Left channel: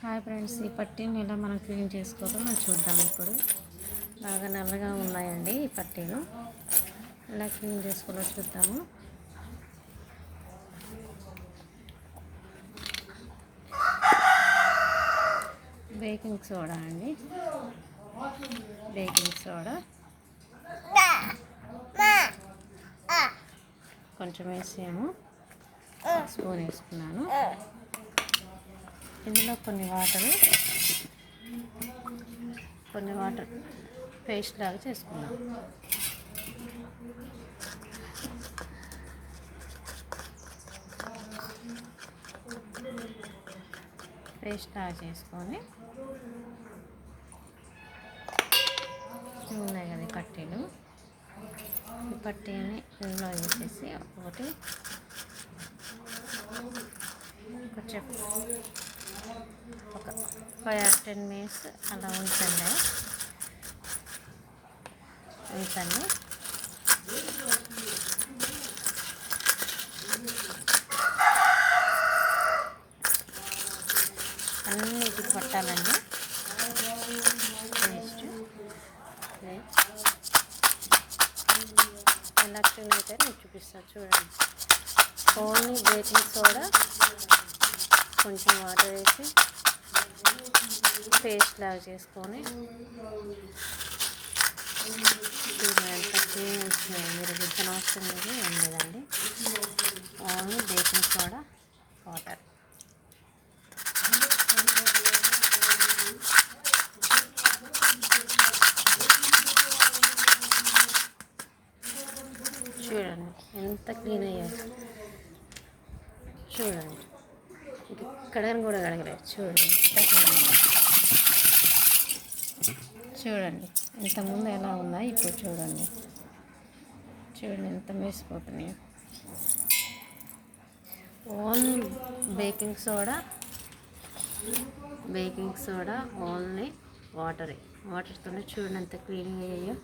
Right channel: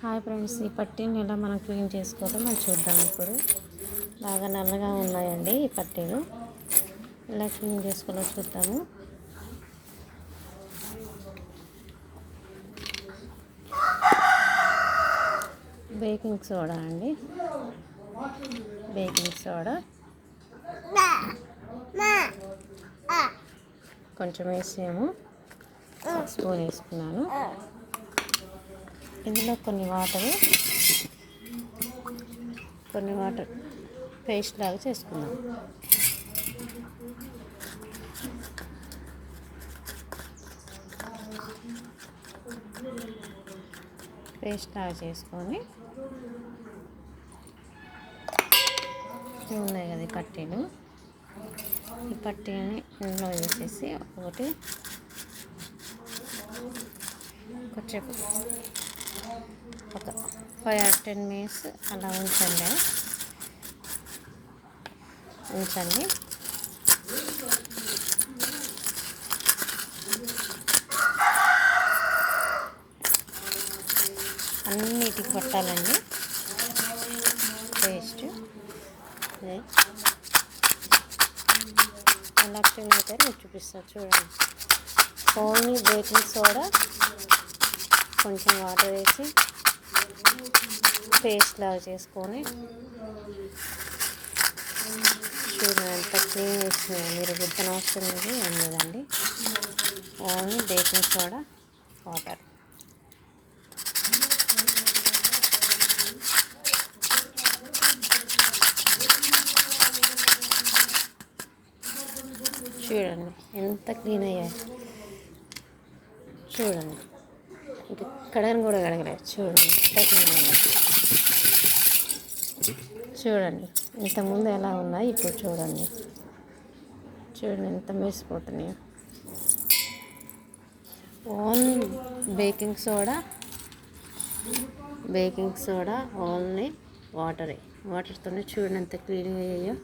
Hi friends, ఈ పట్టీని ఎలా మనం క్లీన్ చేసుకోవడం మనం చూద్దాం. ఇప్పుడు బాగా నల్లగా ఉన్నాయండి ఈ పట్టీలు. ఎలా క్లీన్ చేసుకోవాలో చూద్దాము. బేకింగ్ సోడా అండి, బేకింగ్ సోడా కొంచెం వేసాము, స్పూన్ వేసుకున్నాను. ఇందులో కొన్ని వాటర్ పేస్ట్ లాగా చేసుకుందాం. పేస్ట్ లాగా చేసుకొని ఉన్నాయి కదా ఈ పట్టీలు, ఈ పట్టీని ఇందులో వేసేసి కొంచెం ఒక 5 or 10 minutes అలా ఉంచండి. అన్నిటికి పట్టాలండి పేస్ట్. ఎలా క్లీన్ అయితే నేను చూపిస్తాను చూడండి. ఓన్లీ బేకింగ్ సోడా, కొంచెం వాటర్ వేసి పేస్ట్ లాగా చేసుకొని చూడండి ఎంత క్లీన్ వచ్చినాయి. మీరు గుర్తున వస్తుంది ఏం లేదండి, ఓన్లీ బేకింగ్ సోడా, వాటర్. చూడండి ఎంత క్లీన్ అయ్యాయి. చూడండి కడగని కూడా కడగలేదు. చూడండి ఎంత క్లీన్ అయ్యాయి. చూడండి ఇంతకుముందు ఎలా ఉన్నాయి, ఇప్పుడు చూడండి ఎంత మెరిసిపోతున్నాయో. ఓన్లీ బేకింగ్ సోడా, ఓన్లీ వాటర్తోనే చూడండి ఎంత క్లీన్గా అయ్యాయో.